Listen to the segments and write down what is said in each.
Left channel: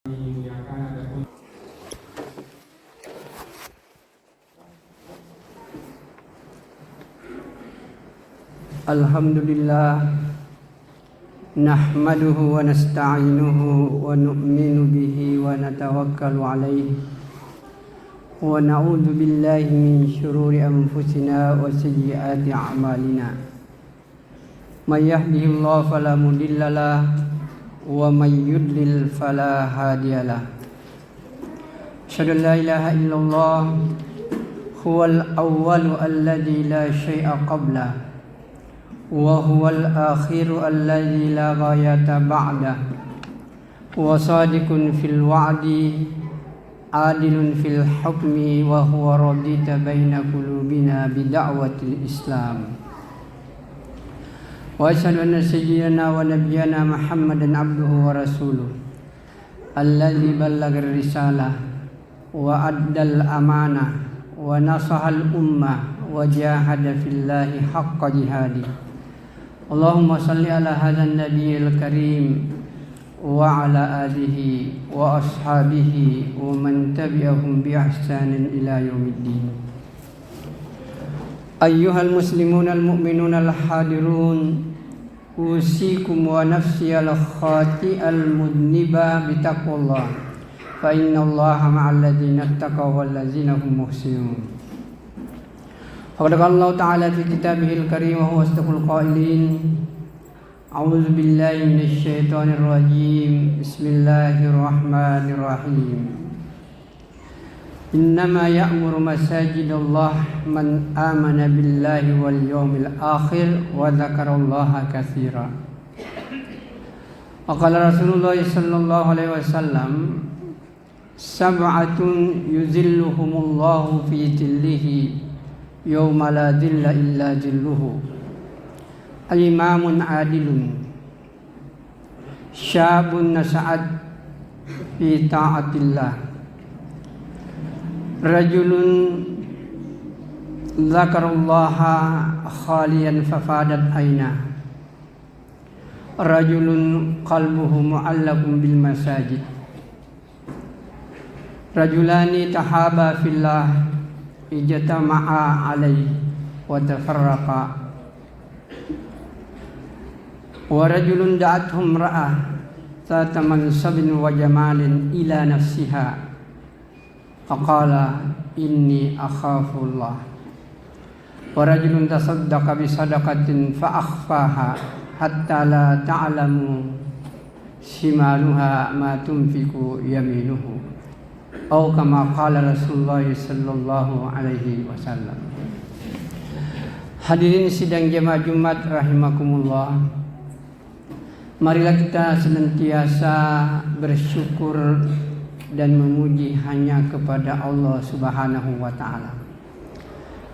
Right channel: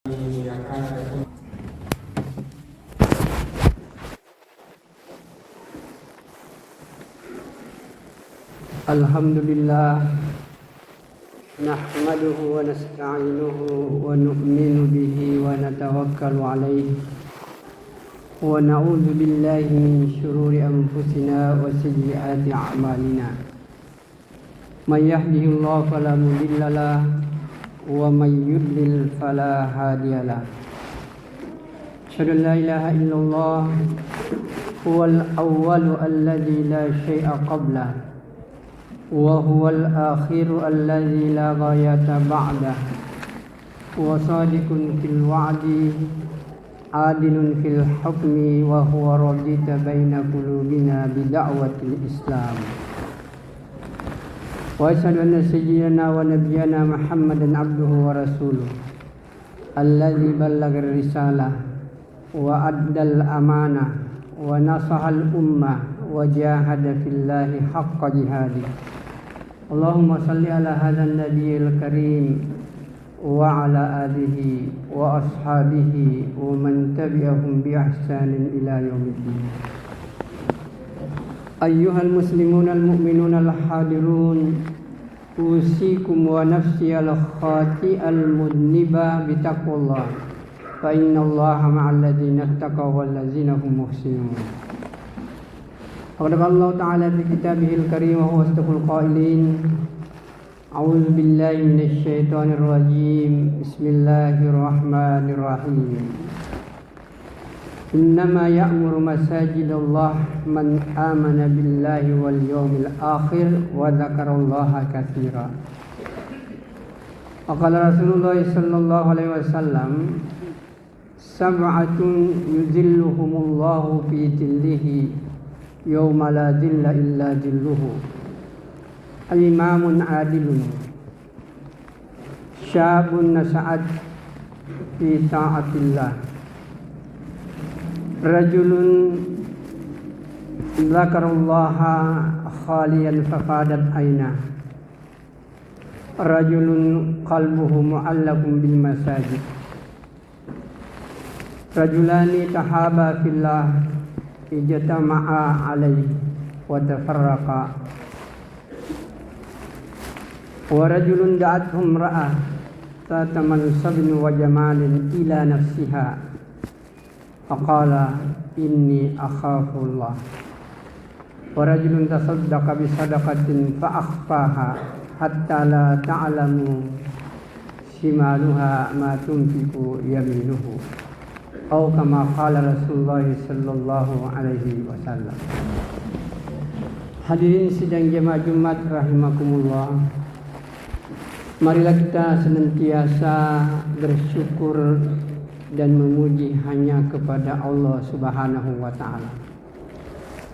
Alhamdulillah nahmaduhu wa nasta'inuhu wa nu'minu bihi wa natawakkalu alayhi wa na'udzu billahi min shururi anfusina wa sayyiati a'malina. May yahdihillahu fala mudilla lahu wa may yudlil fala hadiyalah. Asyhadu an la ilaha illallah huwal awwalu alladzi la syai'a qablahu wa huwal akhiru alladzi la ghayata ba'dahu wa sadiqun fil wa'di adilun fil hukmi wa huwa radita baina qulubina bi da'watil islam. Wa asyhadu anna sayyidina wa nabiyyana Muhammadan abduhu wa rasuluh alladzi ballagha risalah wa addal amanah wa nasahal ummah wa jahada fillahi haqqa jihadih. Allahumma salli ala hadzal nabiyil karim wa ala alihi wa ashabihi wa man tabi'ahum bi ihsanin ila yaumiddin. Ayyuhal muslimun al mu'minun al hadirun, usikum wa nafsi al khati al mudniba bi taqwallah, fa inna Allaha ma'al ladzina ittaqaw wal ladzina hum muhsinun. Qala Allah Ta'ala fi kitabihil karim wa huwa asdaqul qailin. A'udzu billahi minasy syaithanir rajim. Bismillahirrahmanirrahim. Innama ya'muru masajidallah man amana billahi wal yawmil akhir wa dzakarallaha katsiran. Wa qala Rasulullah sallallahu alaihi wasallam, sab'atun yuzilluhumullahu fi dhillihi yawma la dhilla illa dhilluhu. Al-imamun adilun, syabun nasa'at fi ta'atillah, rajulun dzakarallaha khaliyan fafadat aina, rajulun qalbuhu mu'allaqun bil masajid, rajulani tahaba fillah ijtama'a alaihi wa tafarraqa, wa rajulun da'athum ra'ah zata mansabin wa jamalin ila nafsiha faqala inni akhafullah, wa rajulun tasaddaqa bi sadaqatin fa akhfaha hatta la ta'lamu shimaluha ma tunfiqu yaminuhu, atau kama qala Rasulullah sallallahu alaihi wasallam. Hadirin sidang jemaah Jumat rahimakumullah, marilah kita senantiasa bersyukur dan memuji hanya kepada Allah Subhanahu wa Ta'ala.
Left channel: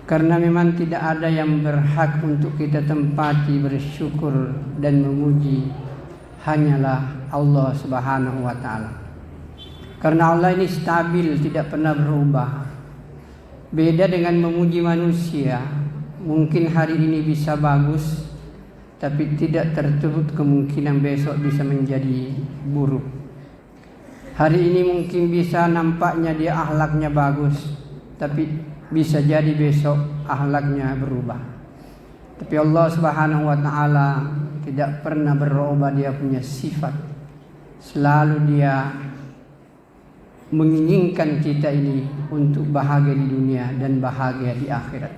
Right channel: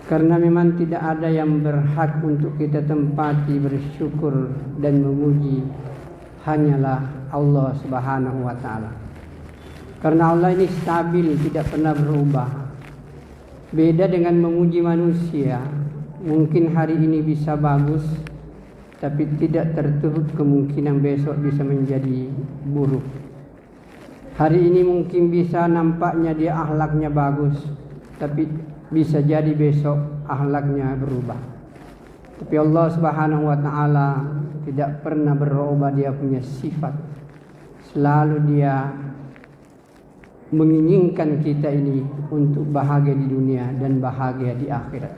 Karena memang tidak ada yang berhak untuk kita tempati bersyukur dan memuji, hanyalah Allah Subhanahu wa Ta'ala. Karena Allah ini stabil, tidak pernah berubah. Beda dengan memuji manusia, mungkin hari ini bisa bagus, tapi tidak tertutup kemungkinan besok bisa menjadi buruk. Hari ini mungkin bisa nampaknya dia akhlaknya bagus, tapi bisa jadi besok akhlaknya berubah. Tapi Allah Subhanahu wa Ta'ala tidak pernah berubah dia punya sifat. Selalu dia menginginkan kita ini untuk bahagia di dunia dan bahagia di akhirat.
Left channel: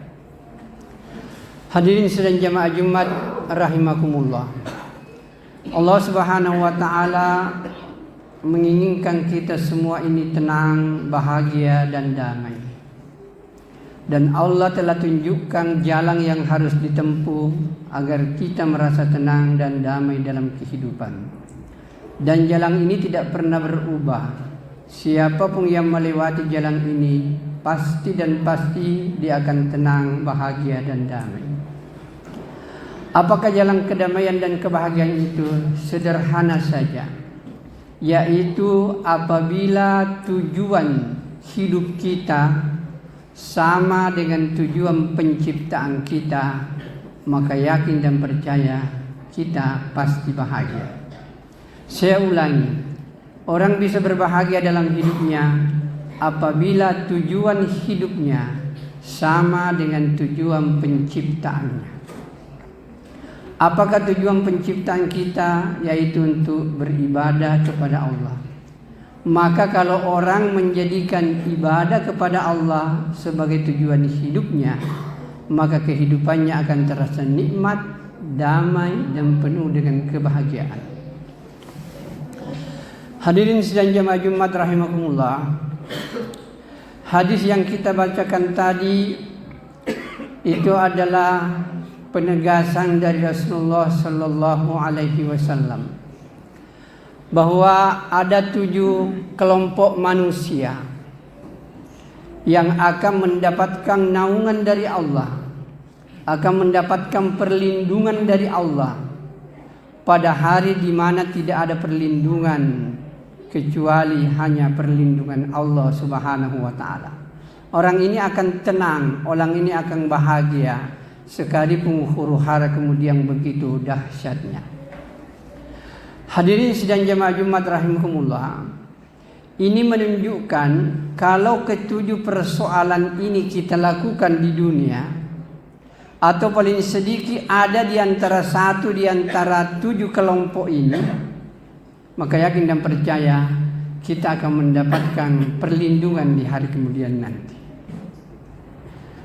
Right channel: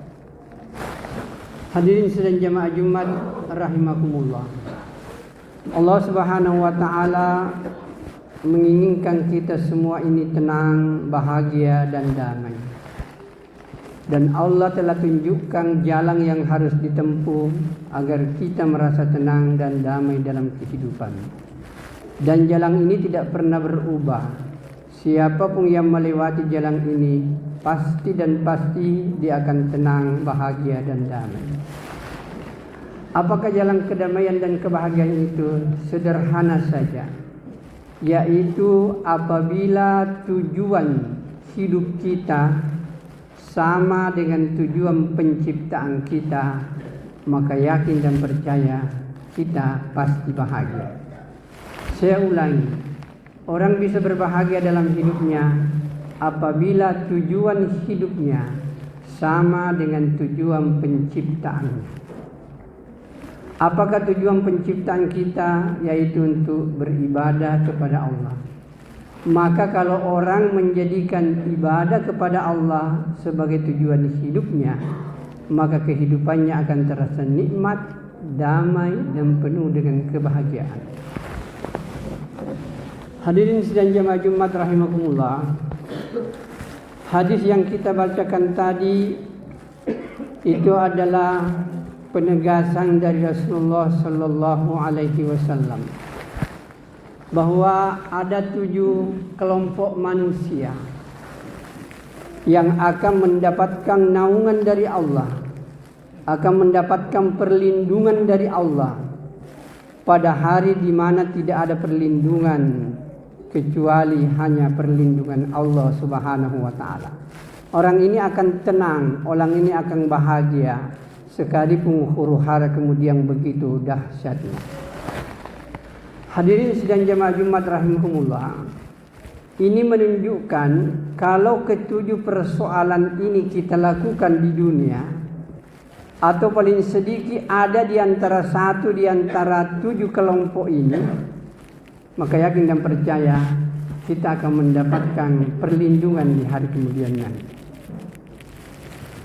Hadirin sidang jamaah Jumat rahimakumullah, Allah Subhanahu wa Ta'ala menginginkan kita semua ini tenang, bahagia dan damai. Dan Allah telah tunjukkan jalan yang harus ditempuh agar kita merasa tenang dan damai dalam kehidupan. Dan jalan ini tidak pernah berubah. Siapapun yang melewati jalan ini pasti dia akan tenang, bahagia dan damai. Apakah jalan kedamaian dan kebahagiaan itu? Sederhana saja, yaitu apabila tujuan hidup kita sama dengan tujuan penciptaan kita, maka yakin dan percaya kita pasti bahagia. Saya ulangi, Orang bisa berbahagia dalam hidupnya apabila tujuan hidupnya sama dengan tujuan penciptaannya. Apakah tujuan penciptaan kita? Yaitu untuk beribadah kepada Allah. Maka kalau orang menjadikan ibadah kepada Allah sebagai tujuan hidupnya, maka kehidupannya akan terasa nikmat, damai, dan penuh dengan kebahagiaan. Hadirin sidang jamaah Jumat rahimakumullah. Hadis yang kita bacakan tadi itu adalah penegasan dari Rasulullah sallallahu alaihi wasallam bahwa ada 7 kelompok manusia yang akan mendapatkan naungan dari Allah, akan mendapatkan perlindungan dari Allah pada hari di mana tidak ada perlindungan kecuali hanya perlindungan Allah Subhanahu wa taala. Orang ini akan tenang, orang ini akan bahagia sekalipun huru-hara kemudian begitu dahsyatnya. Hadirin sidang jamaah Jumat rahimakumullah. Ini menunjukkan kalau ketujuh persoalan ini kita lakukan di dunia, atau paling sedikit ada di antara satu di antara 7 kelompok ini, maka yakin dan percaya kita akan mendapatkan perlindungan di hari kemudian nanti.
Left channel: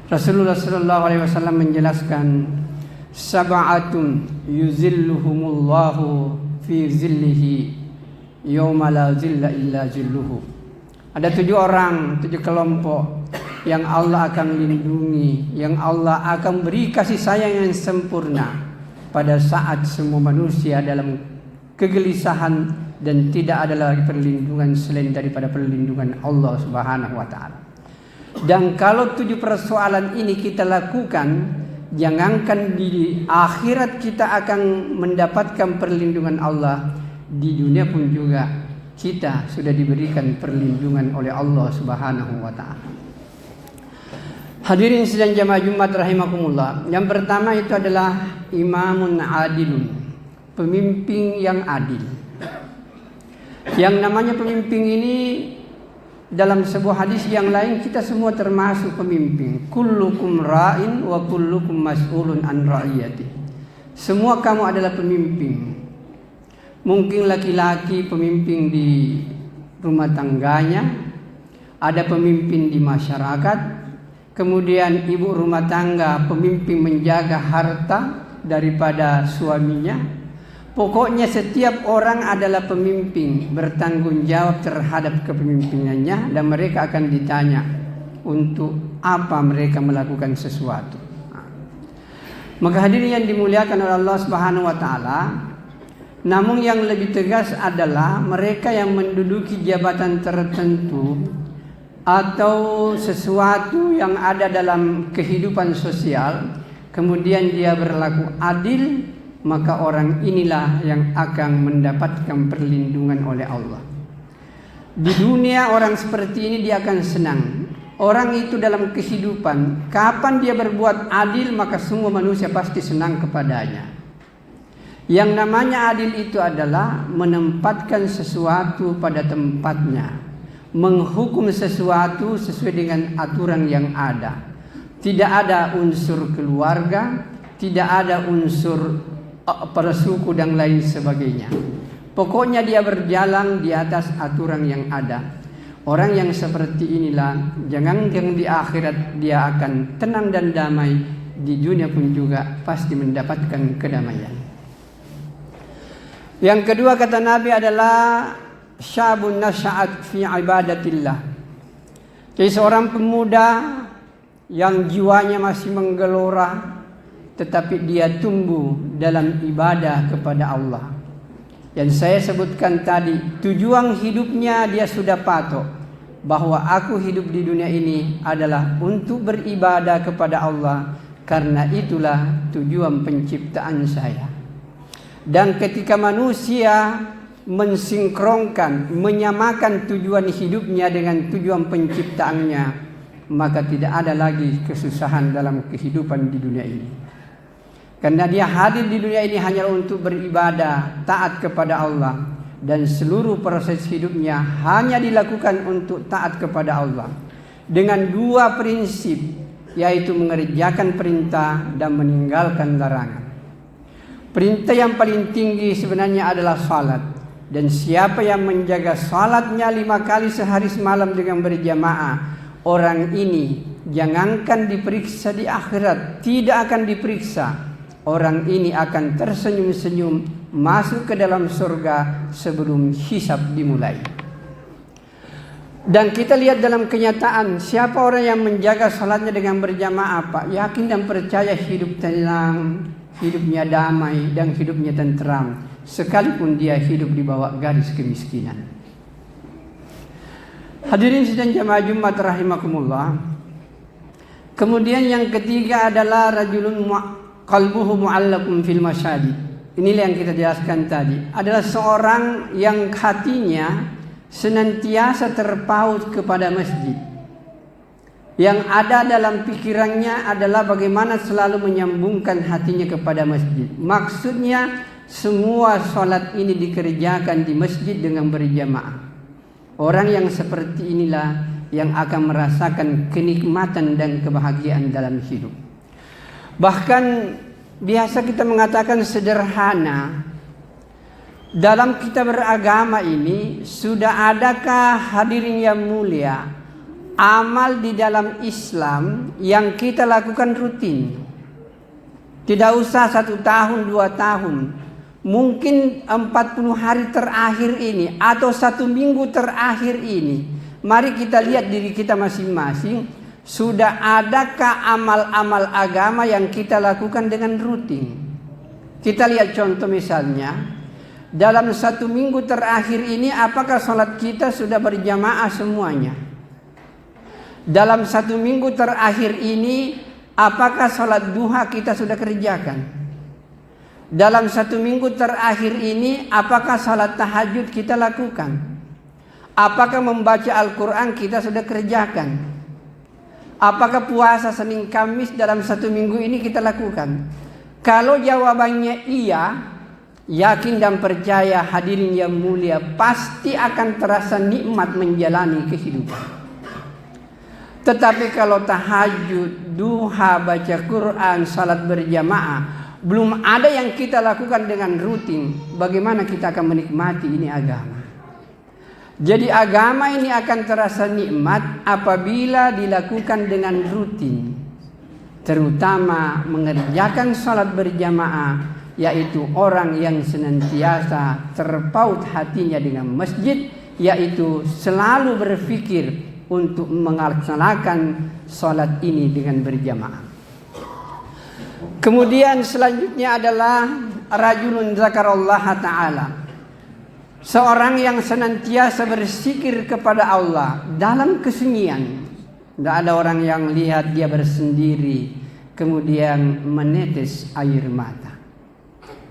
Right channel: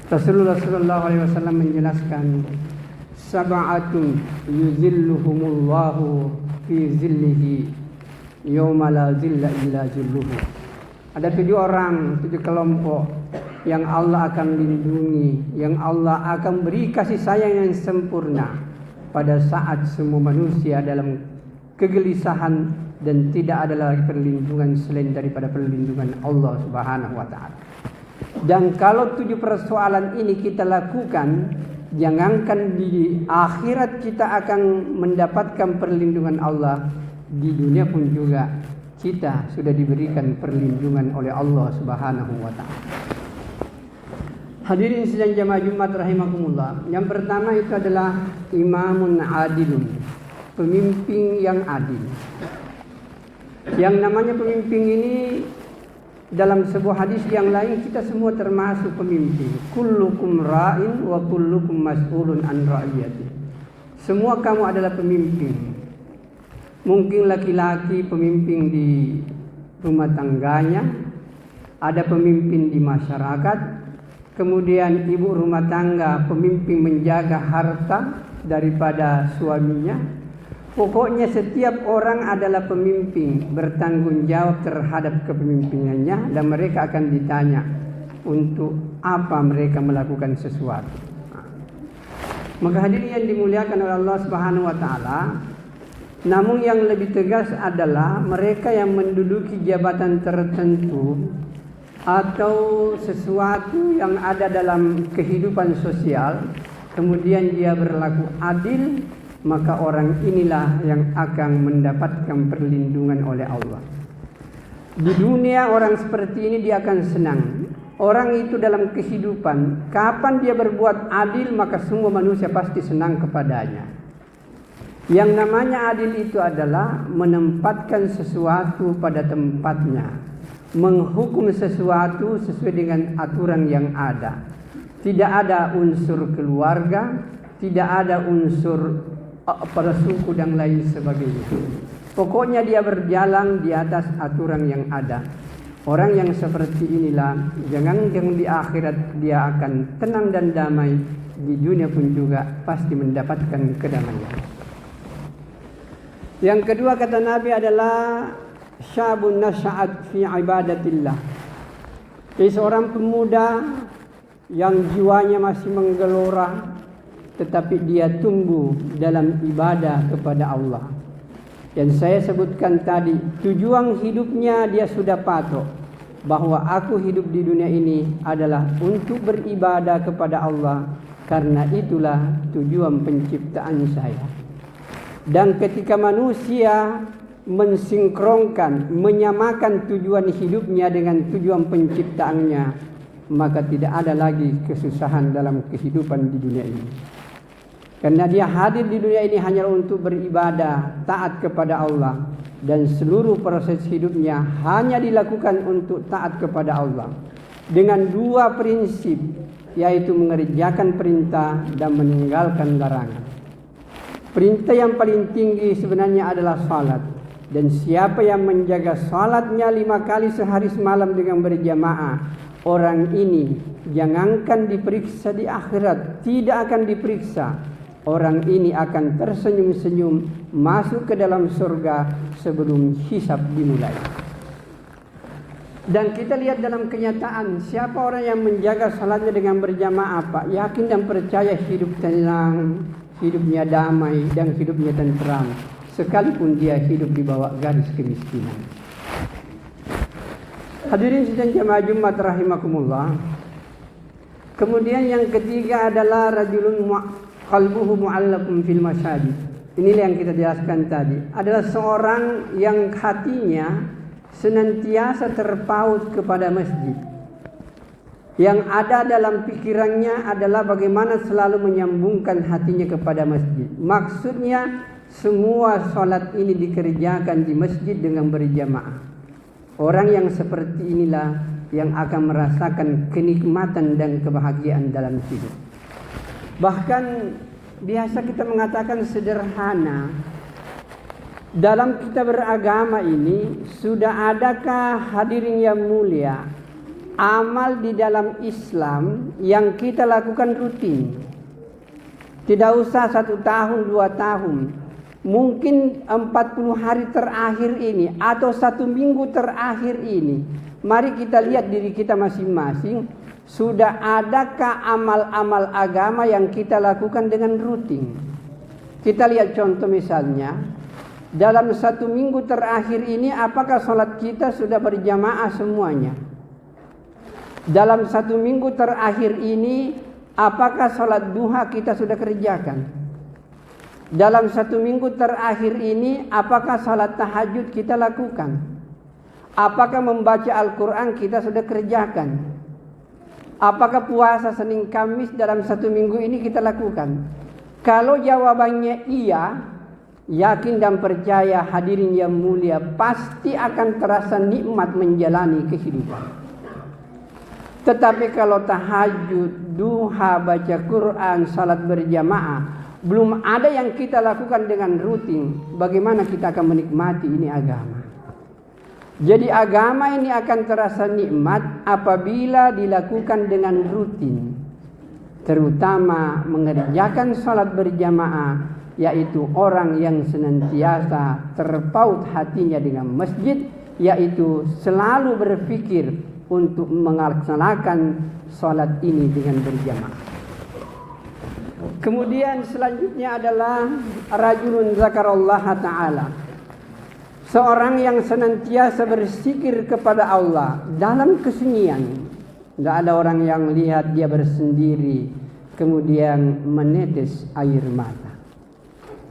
Rasulullah sallallahu alaihi wasallam menjelaskan, sab'atun yuzilluhumullahu fi zillihi yauma la zilla illa zilluhu. Ada 7 orang, 7 kelompok yang Allah akan lindungi, yang Allah akan beri kasih sayang yang sempurna pada saat semua manusia dalam kegelisahan dan tidak ada lagi perlindungan selain daripada perlindungan Allah Subhanahu wa taala. Dan kalau 7 persoalan ini kita lakukan, jangankan di akhirat kita akan mendapatkan perlindungan Allah, di dunia pun juga kita sudah diberikan perlindungan oleh Allah Subhanahu wa taala. Hadirin sidang jamaah Jumat rahimakumullah. Yang pertama itu adalah imamun adilun, pemimpin yang adil. Yang namanya pemimpin ini dalam sebuah hadis yang lain kita semua termasuk pemimpin. Kullukum ra'in wa kullukum mas'ulun an ra'iyati. Semua kamu adalah pemimpin. Mungkin laki-laki pemimpin di rumah tangganya, ada pemimpin di masyarakat, kemudian ibu rumah tangga pemimpin menjaga harta daripada suaminya. Pokoknya setiap orang adalah pemimpin, bertanggung jawab terhadap kepemimpinannya, dan mereka akan ditanya untuk apa mereka melakukan sesuatu. Maka hadirin yang dimuliakan oleh Allah Subhanahu wa taala, namun yang lebih tegas adalah mereka yang menduduki jabatan tertentu atau sesuatu yang ada dalam kehidupan sosial, kemudian dia berlaku adil, maka orang inilah yang akan mendapatkan perlindungan oleh Allah. Di dunia orang seperti ini dia akan senang. Orang itu dalam kehidupan, kapan dia berbuat adil, maka semua manusia pasti senang kepadanya. Yang namanya adil itu adalah menempatkan sesuatu pada tempatnya, menghukum sesuatu sesuai dengan aturan yang ada. Tidak ada unsur keluarga, tidak ada unsur persuku dan lain sebagainya. Pokoknya dia berjalan di atas aturan yang ada. Orang yang seperti inilah jangan di akhirat dia akan tenang dan damai, di dunia pun juga pasti mendapatkan kedamaian. Yang kedua kata Nabi adalah syabun nasya'at fi ibadatillah. Jadi seorang pemuda yang jiwanya masih menggelora, tetapi dia tumbuh dalam ibadah kepada Allah. Dan saya sebutkan tadi, tujuan hidupnya dia sudah patok bahwa aku hidup di dunia ini adalah untuk beribadah kepada Allah, karena itulah tujuan penciptaan saya. Dan ketika manusia mensinkronkan, menyamakan tujuan hidupnya dengan tujuan penciptaannya, maka tidak ada lagi kesusahan dalam kehidupan di dunia ini. Karena dia hadir di dunia ini hanya untuk beribadah, taat kepada Allah. dan seluruh proses hidupnya hanya dilakukan untuk taat kepada Allah dengan dua prinsip, yaitu mengerjakan perintah dan meninggalkan larangan. Perintah yang paling tinggi sebenarnya adalah salat, dan siapa yang menjaga salatnya 5 kali sehari semalam dengan berjamaah, orang ini jangankan diperiksa di akhirat, tidak akan diperiksa. Orang ini akan tersenyum-senyum masuk ke dalam surga sebelum hisab dimulai. Dan kita lihat dalam kenyataan, siapa orang yang menjaga salatnya dengan berjamaah, Pak, yakin dan percaya hidup tenang, hidupnya damai dan hidupnya tentram, sekalipun dia hidup di bawah garis kemiskinan. Hadirin sidang jamaah Jumat rahimakumullah. Kemudian yang ketiga adalah rajulun qalbuhu mu'allaqun fil masajid. Inilah yang kita jelaskan tadi. Adalah seorang yang hatinya senantiasa terpaut kepada masjid. Yang ada dalam pikirannya adalah bagaimana selalu menyambungkan hatinya kepada masjid. Maksudnya semua sholat ini dikerjakan di masjid dengan berjamaah. Orang yang seperti inilah yang akan merasakan kenikmatan dan kebahagiaan dalam hidup. Bahkan biasa kita mengatakan sederhana. Dalam kita beragama ini sudah adakah hadirin yang mulia amal di dalam Islam yang kita lakukan rutin? Tidak usah 1 tahun 2 tahun, mungkin 40 hari terakhir ini atau 1 minggu terakhir ini. Mari kita lihat diri kita masing-masing, sudah adakah amal-amal agama yang kita lakukan dengan rutin? Kita lihat contoh misalnya, dalam 1 minggu terakhir ini apakah sholat kita sudah berjamaah semuanya? Dalam 1 minggu terakhir ini apakah sholat duha kita sudah kerjakan? Dalam 1 minggu terakhir ini apakah sholat tahajud kita lakukan? Apakah membaca Al-Quran kita sudah kerjakan? Apakah puasa Senin Kamis dalam 1 minggu ini kita lakukan? Kalau jawabannya iya, yakin dan percaya hadirin yang mulia, pasti akan terasa nikmat menjalani kehidupan. Tetapi kalau tahajud, duha, baca Quran, salat berjamaah belum ada yang kita lakukan dengan rutin, bagaimana kita akan menikmati ini agama? Jadi agama ini akan terasa nikmat apabila dilakukan dengan rutin, terutama mengerjakan salat berjamaah, yaitu orang yang senantiasa terpaut hatinya dengan masjid, yaitu selalu berpikir untuk melaksanakan salat ini dengan berjamaah. Kemudian selanjutnya adalah rajulun zakarallaha ta'ala, seorang yang senantiasa berzikir kepada Allah dalam kesunyian. Tidak ada orang yang lihat dia bersendiri kemudian menetes air mata.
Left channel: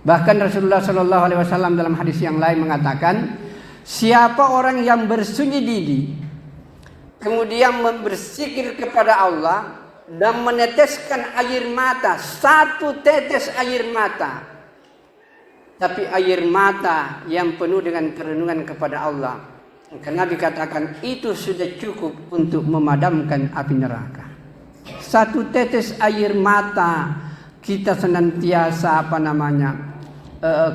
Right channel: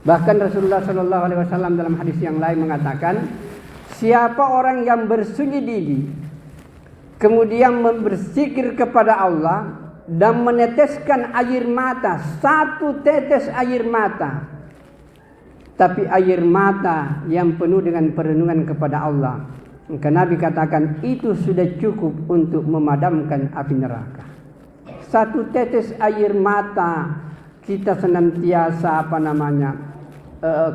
Bahkan Rasulullah SAW dalam hadis yang lain mengatakan, siapa orang yang bersunyi diri kemudian berzikir kepada Allah dan meneteskan air mata, 1 tetes air mata, tapi air mata yang penuh dengan perenungan kepada Allah, karena dikatakan itu sudah cukup untuk memadamkan api neraka. 1 tetes air mata kita senantiasa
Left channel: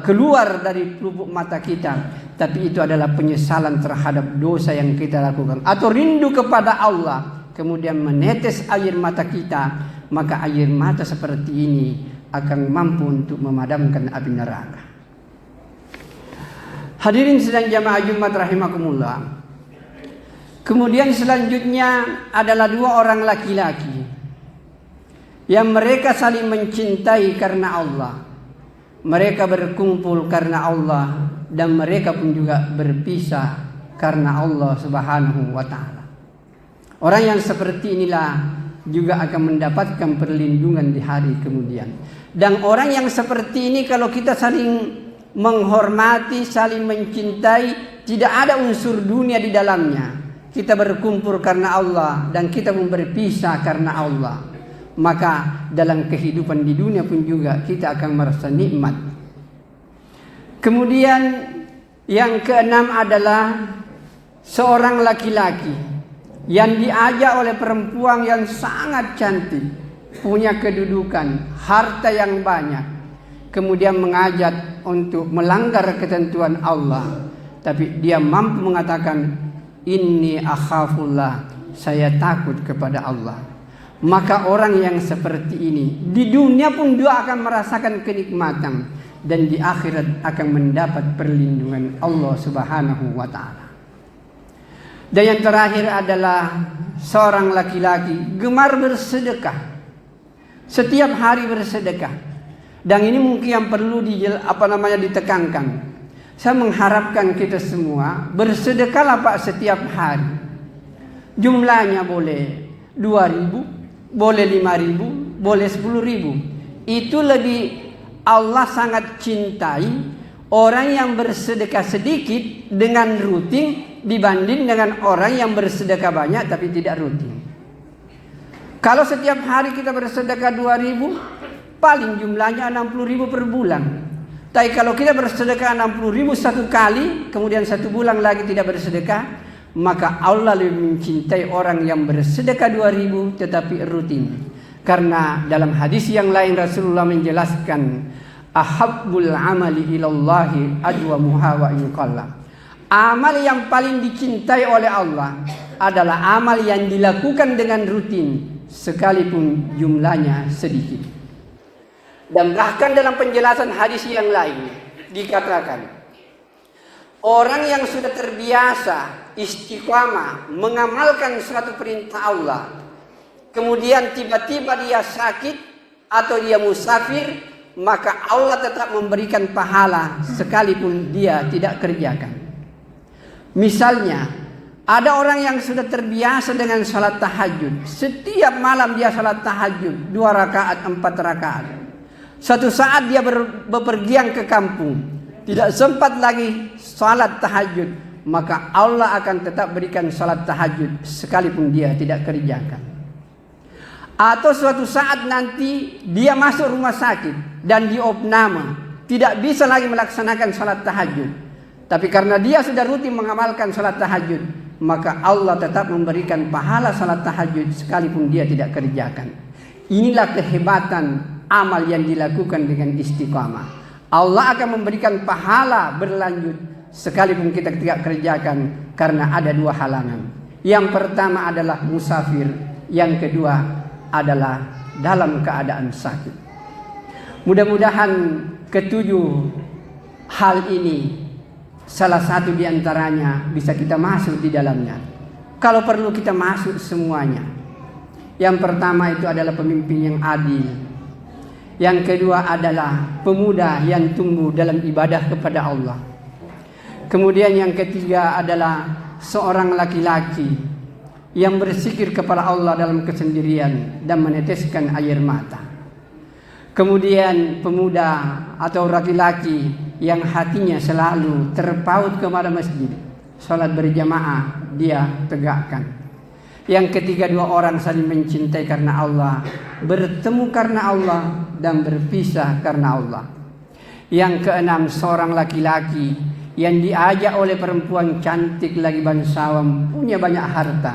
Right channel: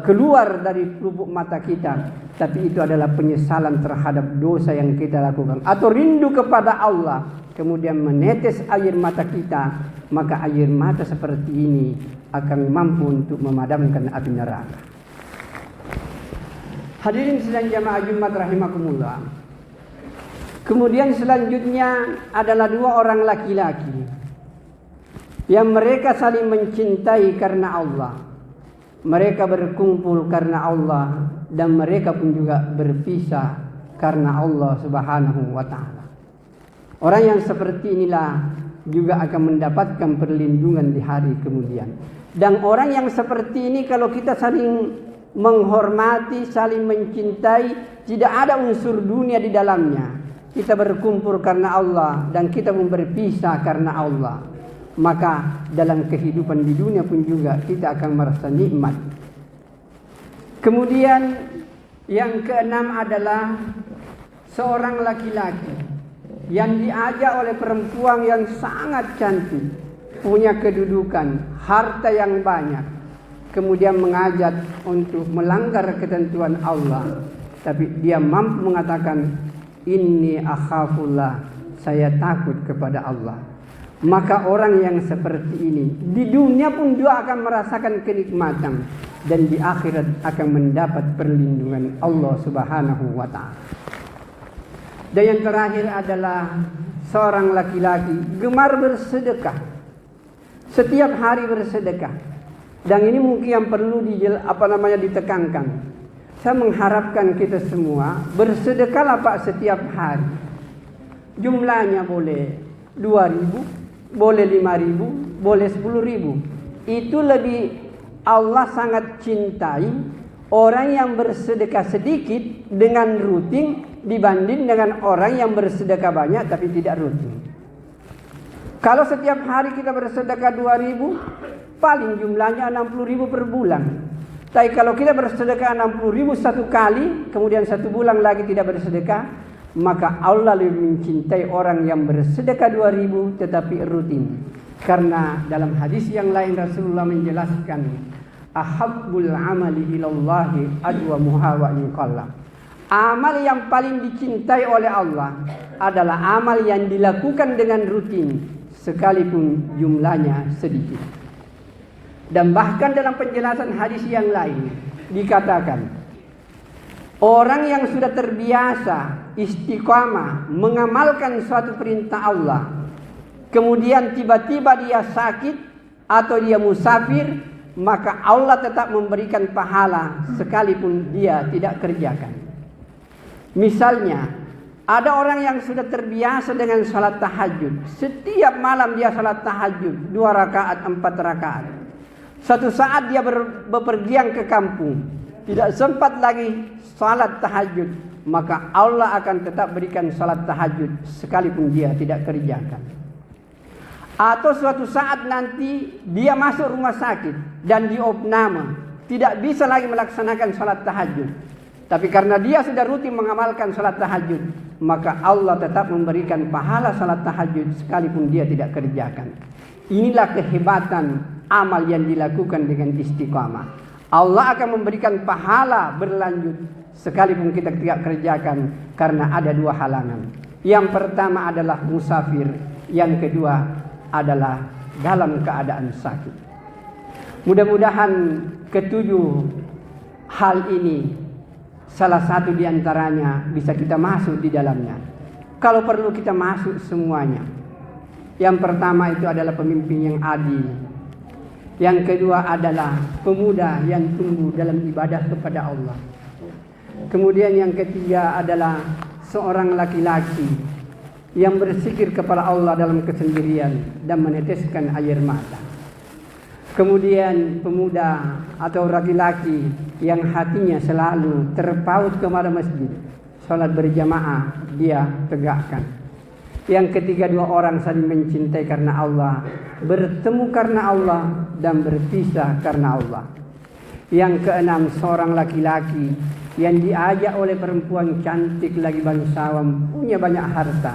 keluar dari lubuk mata kita, tapi itu adalah penyesalan terhadap dosa yang kita lakukan, atau rindu kepada Allah kemudian menetes air mata kita, maka air mata seperti ini akan mampu untuk memadamkan api neraka. Hadirin sedang jamaah Jumat rahimakumullah. Kemudian selanjutnya adalah 2 orang laki-laki yang mereka saling mencintai karena Allah. Mereka berkumpul karena Allah dan mereka pun juga berpisah karena Allah Subhanahu wa ta'ala. Orang yang seperti inilah juga akan mendapatkan perlindungan di hari kemudian. Dan orang yang seperti ini kalau kita saling menghormati, saling mencintai, tidak ada unsur dunia di dalamnya. Kita berkumpul karena Allah dan kita pun berpisah karena Allah. Maka dalam kehidupan di dunia pun juga kita akan merasa nikmat. Kemudian Yang keenam adalah seorang laki-laki yang diajak oleh perempuan yang sangat cantik, punya kedudukan, harta yang banyak, kemudian mengajak untuk melanggar ketentuan Allah, tapi dia mampu mengatakan, inni akhafullah, saya takut kepada Allah. Maka orang yang seperti ini di dunia pun dia akan merasakan kenikmatan, dan di akhirat akan mendapat perlindungan Allah Subhanahu wa ta'ala. Dan yang terakhir adalah seorang laki-laki gemar bersedekah, setiap hari bersedekah. Dan ini mungkin yang perlu ditekankan. Saya mengharapkan kita semua bersedekahlah Pak setiap hari. Jumlahnya boleh 2.000, boleh 5.000, boleh 10.000. Itu lebih Allah sangat cintai orang yang bersedekah sedikit dengan rutin dibanding dengan orang yang bersedekah banyak tapi tidak rutin. Kalau setiap hari kita bersedekah 2.000, paling jumlahnya 60.000 per bulan. Tapi kalau kita bersedekah 60.000 satu kali, kemudian satu bulan lagi tidak bersedekah, maka Allah lebih mencintai orang yang bersedekah 2.000 tetapi rutin. Karena dalam hadis yang lain Rasulullah menjelaskan, ahabbul amali ilallahi adwamuha wa in qalla. Amal yang paling dicintai oleh Allah adalah amal yang dilakukan dengan rutin sekalipun jumlahnya sedikit. Dan bahkan dalam penjelasan hadis yang lain dikatakan, orang yang sudah terbiasa istiqamah mengamalkan suatu perintah Allah, kemudian tiba-tiba dia sakit atau dia musafir, maka Allah tetap memberikan pahala sekalipun dia tidak kerjakan. Misalnya, ada orang yang sudah terbiasa dengan salat tahajud. Setiap malam dia salat tahajud 2 rakaat, 4 rakaat. Suatu saat dia bepergian ke kampung, tidak sempat lagi salat tahajud, maka Allah akan tetap berikan salat tahajud sekalipun dia tidak kerjakan. Atau suatu saat nanti dia masuk rumah sakit dan diopname, tidak bisa lagi melaksanakan salat tahajud. Tapi karena dia sudah rutin mengamalkan salat tahajud, maka Allah tetap memberikan pahala salat tahajud sekalipun dia tidak kerjakan. Inilah kehebatan amal yang dilakukan dengan istiqamah. Allah akan memberikan pahala berlanjut sekalipun kita tidak kerjakan, karena ada 2 halangan. Yang pertama adalah musafir, yang kedua adalah dalam keadaan sakit. Mudah-mudahan ketujuh hal ini salah satu di antaranya bisa kita masuk di dalamnya. Kalau perlu kita masuk semuanya. Yang pertama itu adalah pemimpin yang adil. Yang kedua adalah pemuda yang tumbuh dalam ibadah kepada Allah. Kemudian yang ketiga adalah seorang laki-laki yang berzikir kepada Allah dalam kesendirian dan meneteskan air mata. Kemudian pemuda atau laki-laki yang hatinya selalu terpaut kepada masjid, salat berjamaah dia tegakkan. Yang ketiga, 2 orang saling mencintai karena Allah, bertemu karena Allah dan berpisah karena Allah. Yang keenam, seorang laki-laki yang diajak oleh perempuan cantik lagi bangsawan, punya banyak harta,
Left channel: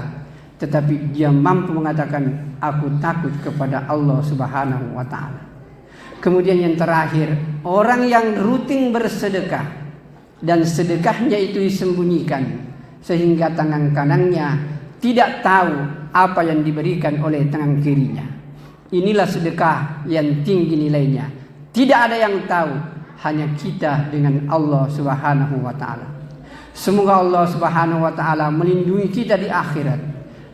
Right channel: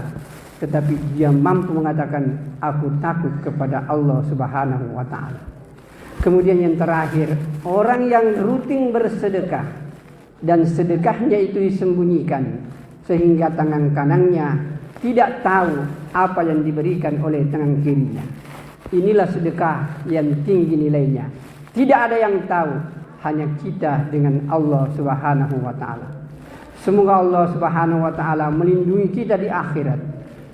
tetapi dia mampu mengatakan, aku takut kepada Allah Subhanahu wa ta'ala. Kemudian yang terakhir, orang yang rutin bersedekah dan sedekahnya itu disembunyikan sehingga tangan kanannya tidak tahu apa yang diberikan oleh tangan kirinya. Inilah sedekah yang tinggi nilainya. Tidak ada yang tahu, hanya kita dengan Allah Subhanahu wa ta'ala. Semoga Allah Subhanahu wa ta'ala melindungi kita di akhirat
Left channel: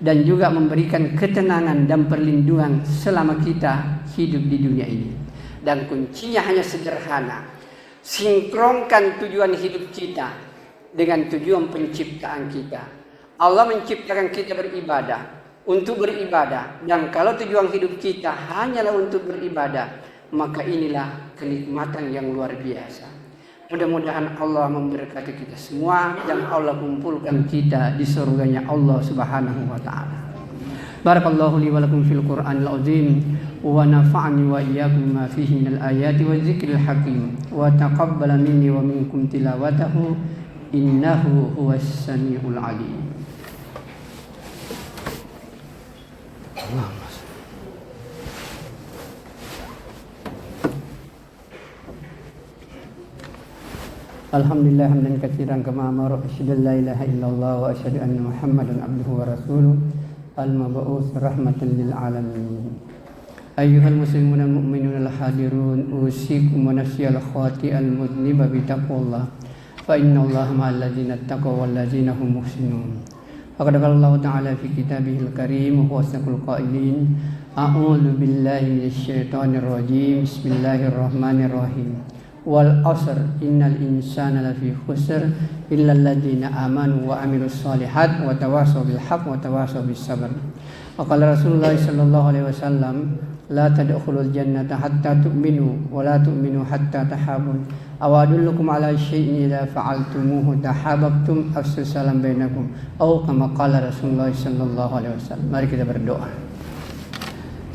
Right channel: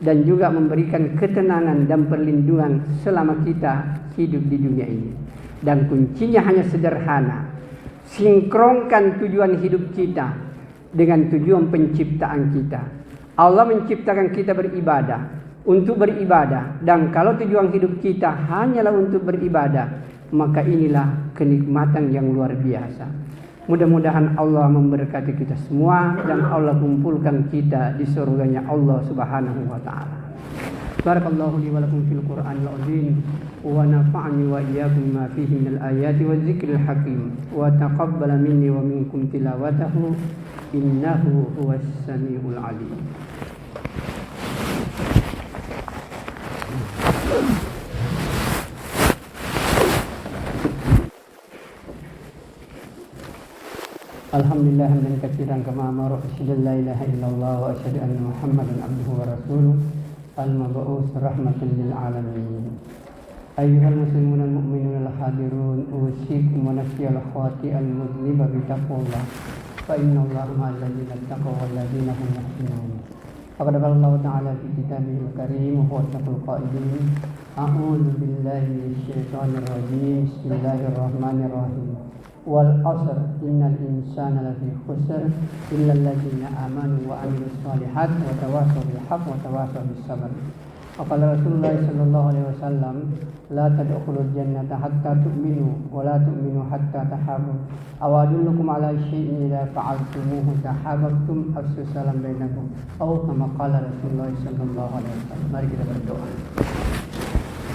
dan juga memberikan ketenangan dan perlindungan selama kita hidup di dunia ini. Dan kuncinya hanya sederhana, sinkronkan tujuan hidup kita dengan tujuan penciptaan kita. Allah menciptakan kita beribadah, untuk beribadah, dan kalau tujuan hidup kita hanyalah untuk beribadah, maka inilah kenikmatan yang luar biasa. Mudah-mudahan Allah memberkati kita semua dan Allah kumpulkan kita di surganya Allah Subhanahu wa ta'ala. Barakallahu li wa lakum fil Qur'anil azim wa nafa'ani wa iyyakum ma fihi minal ayati wa dzikril hakim wa taqabbala minni wa minkum tilawatahu innahu huwas samiul alim. Alhamdulillah hamdan katsiran kama amara asyhadu an la ilaha illallah wa asyhadu anna Muhammadan abduhu wa rasuluh al-mab'uts rahmatan lil alamin. Ayyuhal muslimun al mu'minun al hadirun usikum wa nafsi al khati'al mudniba bi taqwallah fa innallaha ma'al ladzina taqaw wal ladzina hum muhsinun. Faqad qala Allah ta'ala fi kitabihil karim wa asdaqul qailin a'udzu billahi minasy syaithanir rajim bismillahirrahmanirrahim. Wal asr innal insana lafi khusr illa alladziina amanu wa amilus solihat wa tawassaw bil haqq wa tawassaw bis sabr. Wa qala Rasulullah sallallahu alaihi wasallam la tadkhulul jannata hatta tu'minu wa la tu'minu hatta tahabun. Aw adullukum ala syai'in idza fa'altumuhu tahabbtum afshu salam bainakum. Aw kama qala Rasulullah sallallahu alaihi wasallam. Mari kita berdoa.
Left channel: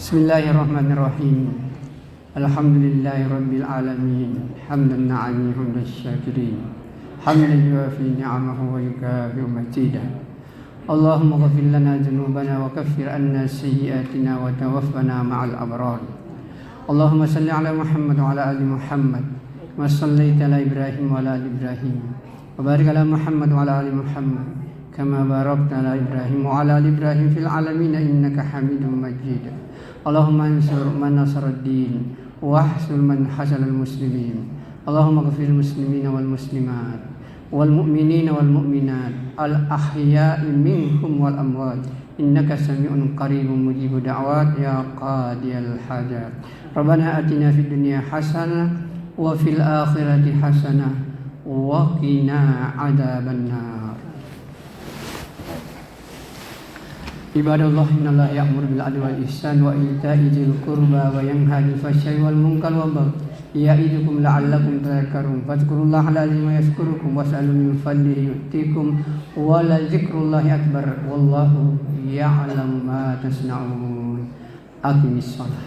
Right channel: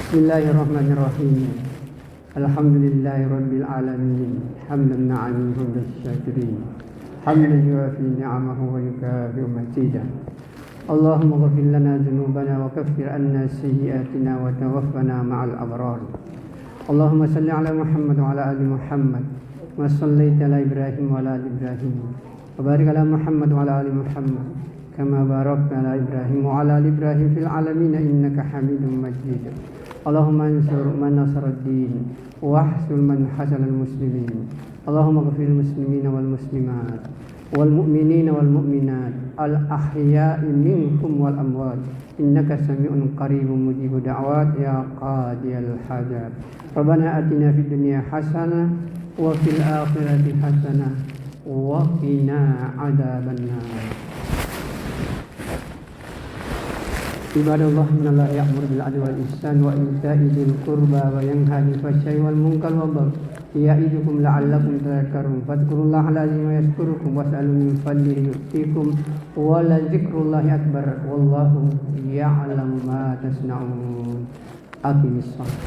Bismillahirrahmanirrahim. Alhamdulillahi rabbil alamin hamdan na'ami rabbil syakirin hamdan yuafi ni'amahu wa yukafi'u mazidah. Allahumma ghfir lana dhunubana wa kaffir anna sayyi'atina wa tawaffana ma'al abrar. Allahumma salli ala Muhammad wa ala ali Muhammad wa sallaita ala Ibrahim wa ala ali Ibrahim wa barik ala Muhammad wa ala ali Muhammad kama barakta ala Ibrahim wa ala ali Ibrahim fil alamin innaka Hamidum Majid. Allahumma ansur man nasaraddin wahsul man hasanal muslimin. Allahumma ghfir muslimina wal muslimat wal mu'minina wal mu'minat al ahya'i minkum wal amwat innaka sami'un qaribun mujibud da'wat ya qadiyal hajat. Rabbana atina fid dunya hasanah wa fil akhirati hasanah wa qina adzabannar. Ibadallah innallaha ya'muru bil adli wal ihsan wa ita'i dzil qurba wa yanha 'anil fahsya'i wal munkar wal baghi ya'idukum la'allakum tadhakkarun. Fadhkurullaha al-'azima yadhkurukum was'alu min fadlihi yu'tikum wa la dzikrullahi akbar wallahu ya'lamu ma tasna'un. Aqimis shalah.